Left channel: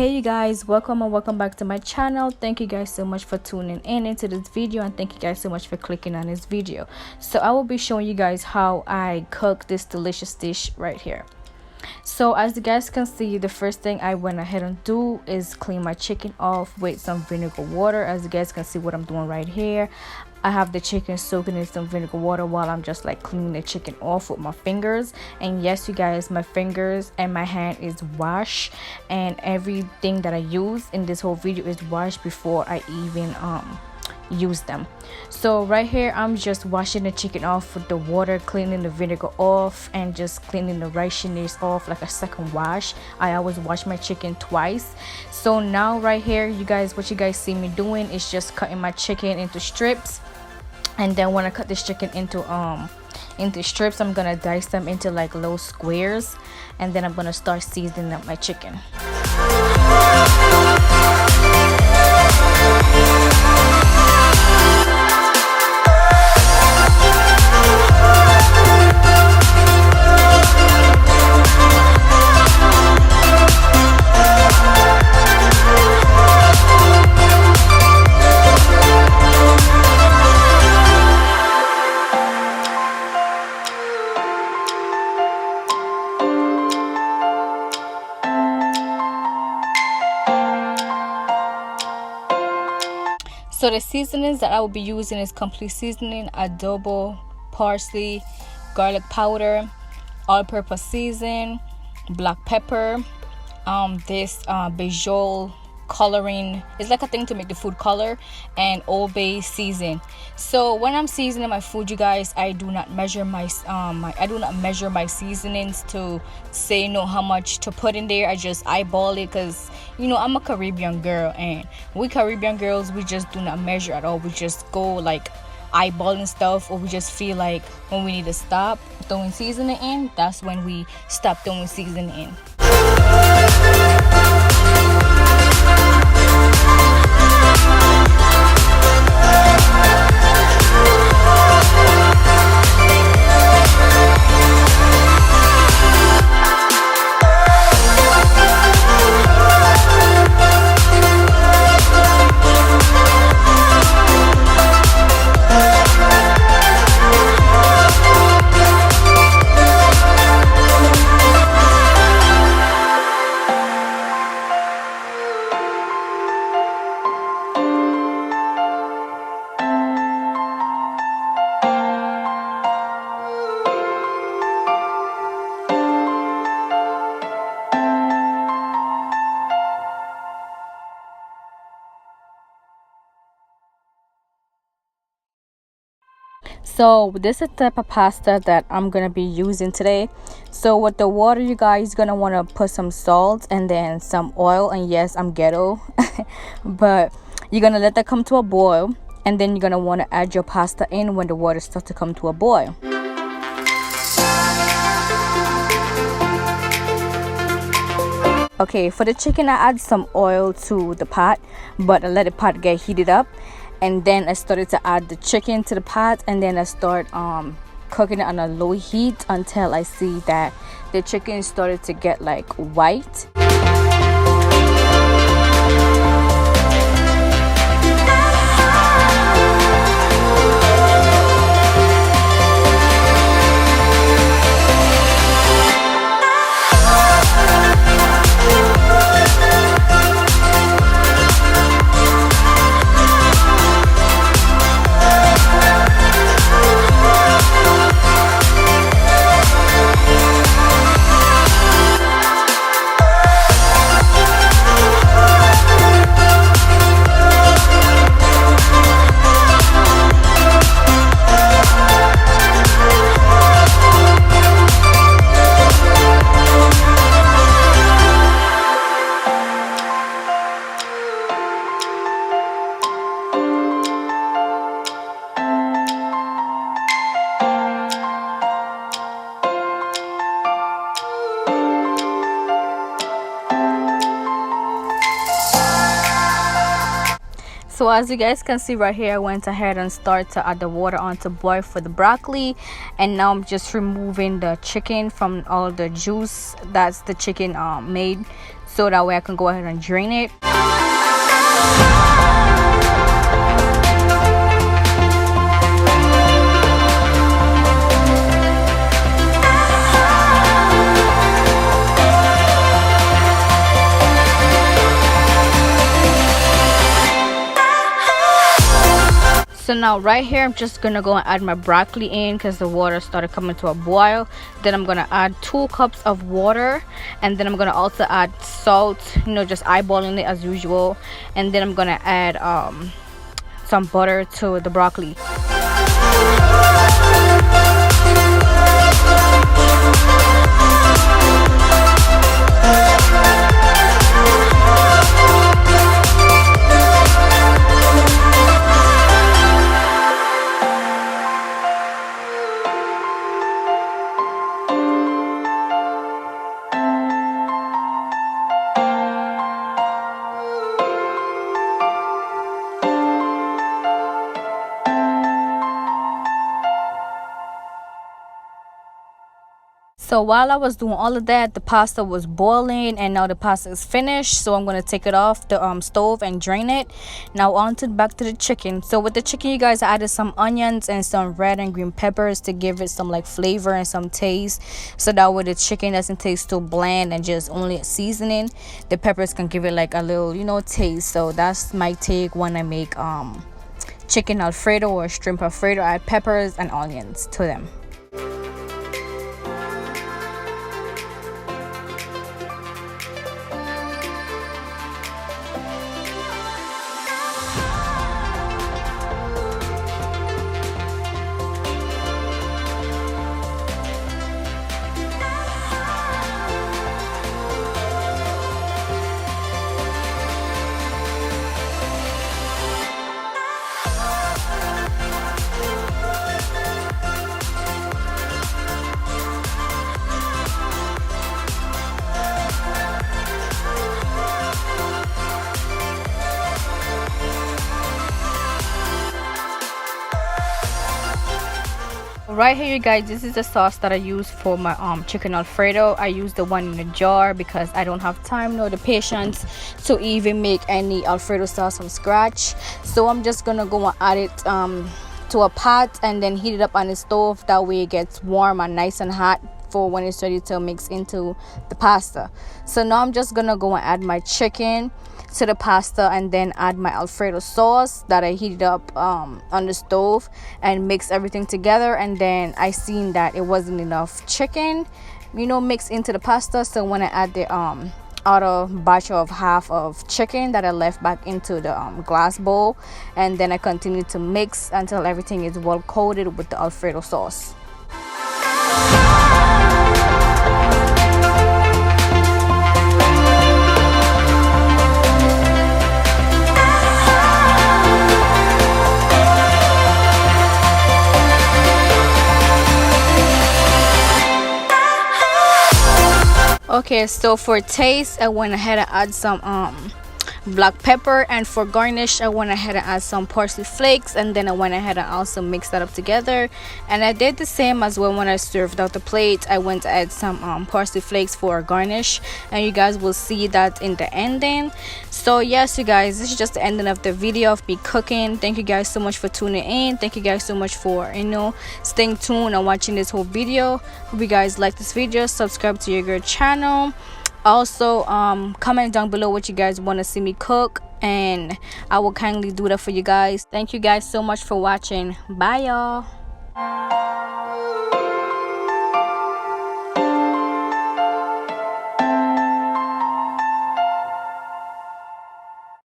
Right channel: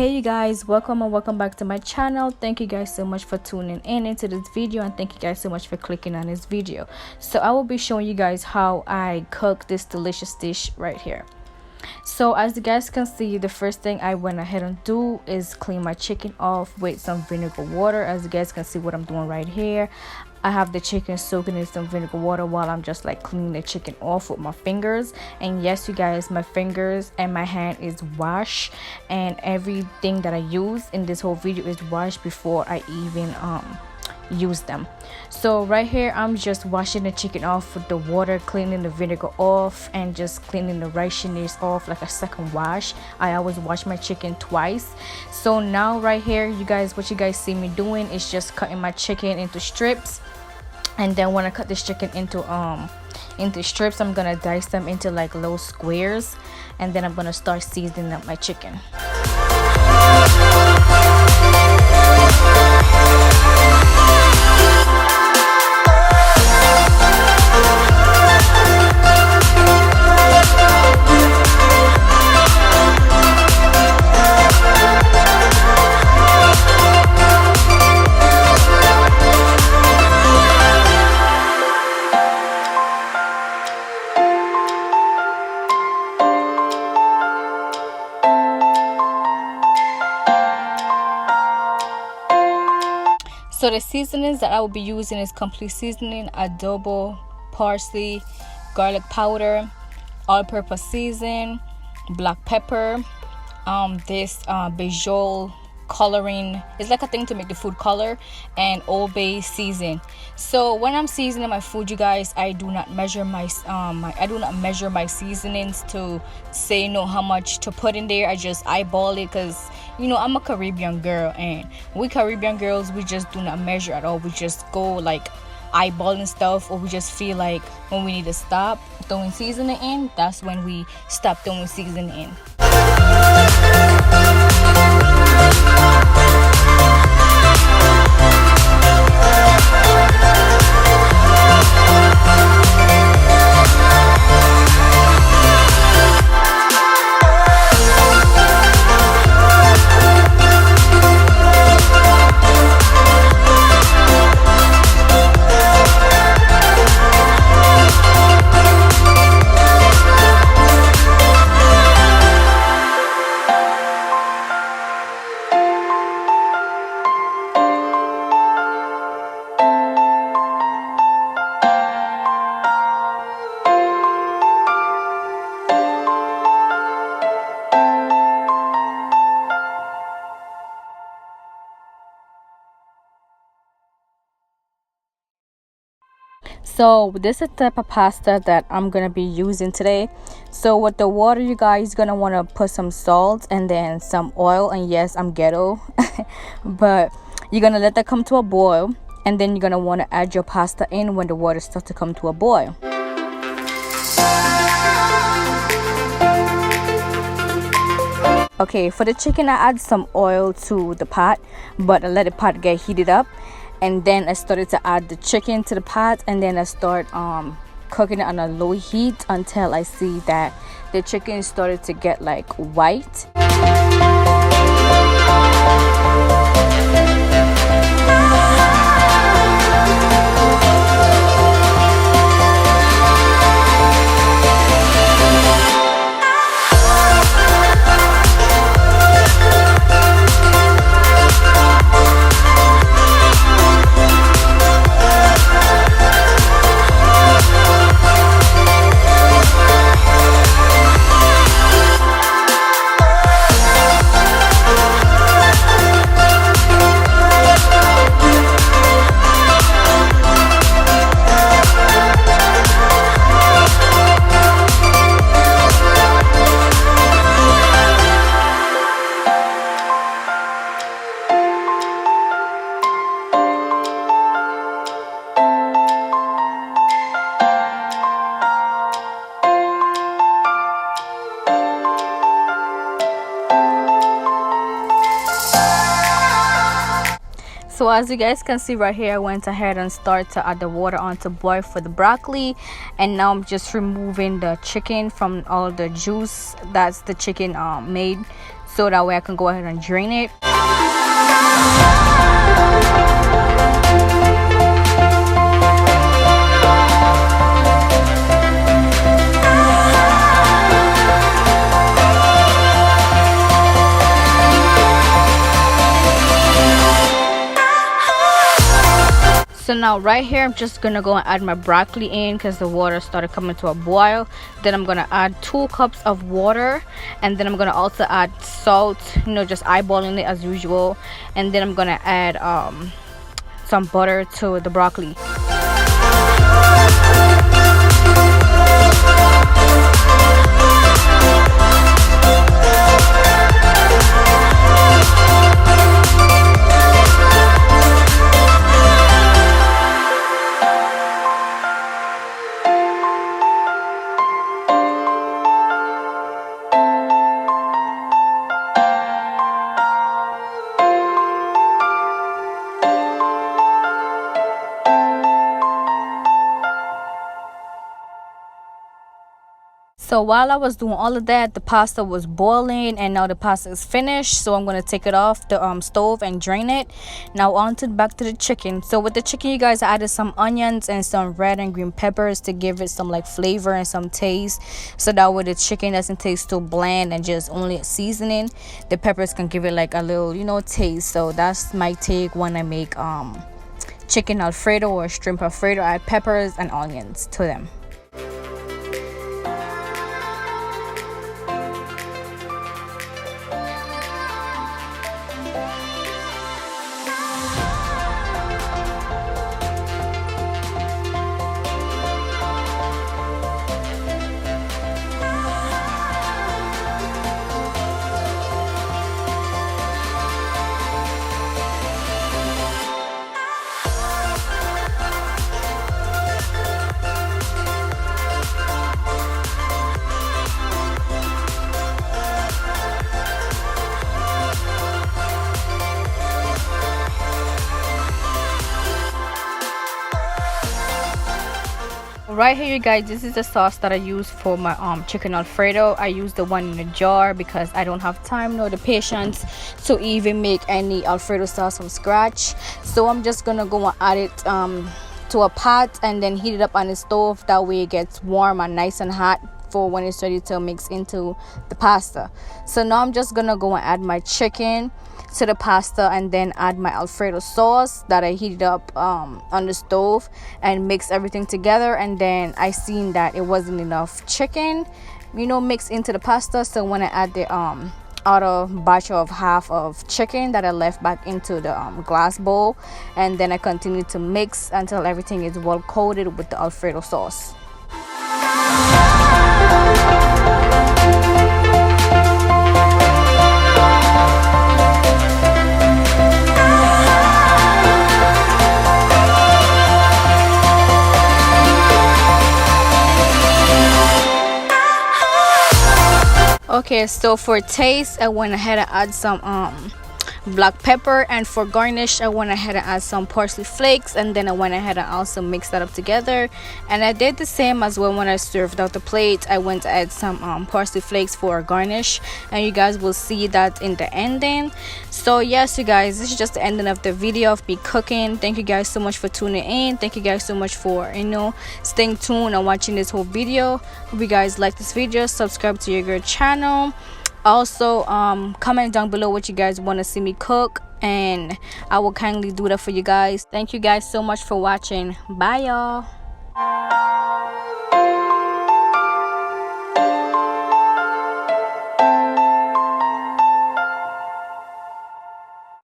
Hey you guys, welcome and welcome back to my channel. Thank you guys so much for tuning in into this video, and thank you guys so much for clicking on this video. So I will be showing you guys how I cook this delicious dish right here. So as you guys can see, the first thing I went ahead and do is clean my chicken off with some vinegar water. As you guys can see what I'm doing right here, I have the chicken soaking in some vinegar water while I'm just like cleaning the chicken off with my fingers. And yes, you guys, my fingers and my hand is washed, and everything that I use in this whole video is washed before I even use them. So right here I'm just washing the chicken off with the water, cleaning the vinegar off, and just cleaning the riciness off like a second wash. I always wash my chicken twice. So now right here, you guys, what you guys see me doing is just cutting my chicken into strips. And then when I cut this chicken into strips, I'm gonna dice them into like little squares, and then I'm gonna start seasoning up my chicken. So the seasonings that I will be using is complete seasoning, adobo, parsley, garlic powder, all-purpose season, black pepper, this basil coloring. It's like a thing to make the food color, and Old Bay season. So when I'm seasoning my food, you guys, I do not measure my seasonings to say how much to put in there. I just eyeball it, because I'm a Caribbean girl, and we Caribbean girls, we just do not measure at all. We just go like eyeballing stuff, or we just feel like when we need to stop throwing seasoning in, that's when we stop throwing seasoning in. So this is the type of pasta that I'm gonna be using today. So with the water, you guys gonna want to put some salt and then some oil. And yes, I'm ghetto but you're gonna let that come to a boil, and then you're gonna want to add your pasta in when the water starts to come to a boil. Okay, for the chicken, I add some oil to the pot, but I let the pot get heated up, and then I started to add the chicken to the pot, and then I start cooking it on a low heat until I see that the chicken started to get like white. So as you guys can see right here, I went ahead and started to add the water on to boil for the broccoli, and now I'm just removing the chicken from all the juice that's the chicken made, so that way I can go ahead and drain it. So now right here, I'm just gonna go and add my broccoli in because the water started coming to a boil. Then I'm gonna add 2 cups of water, and then I'm gonna also add salt, you know, just eyeballing it as usual. And then I'm gonna add some butter to the broccoli. So while I was doing all of that, the pasta was boiling, and now the pasta is finished. So I'm going to take it off the stove and drain it. Now back to the chicken. So with the chicken, you guys, I added some onions and some red and green peppers to give it some like flavor and some taste. So that way the chicken doesn't taste too bland and just only seasoning. The peppers can give it like a little, you know, taste. So that's my take when I make chicken Alfredo or shrimp Alfredo. I add peppers and onions to them. Right here, you guys, this is the sauce that I use for my chicken Alfredo. I use the one in a jar because I don't have time nor the patience to even make any Alfredo sauce from scratch. So I'm just gonna go and add it to a pot and then heat it up on the stove. That way it gets warm and nice and hot for when it's ready to mix into the pasta. So now I'm just gonna go and add my chicken to the pasta and then add my Alfredo sauce that I heated up on the stove and mix everything together. And then I seen that it wasn't enough chicken, you know, mixed into the pasta. So when I add the other batch of half of chicken that I left back into the glass bowl, and then I continue to mix until everything is well coated with the Alfredo sauce. Okay, so for taste, I went ahead and add some black pepper, and for garnish I went ahead and add some parsley flakes, and then I went ahead and also mixed that up together. And I did the same as well when I served out the plate. I went to add some parsley flakes for garnish, and you guys will see that in the ending. So yes, you guys, this is just the ending of the video of me cooking. Thank you guys so much for tuning in. Thank you guys so much for, you know, staying tuned and watching this whole video. Hope you guys like this video. Subscribe to your girl channel. Also comment down below what you guys want to see me cook, and I will kindly do that for you guys. Thank you guys so much for watching. Bye y'all.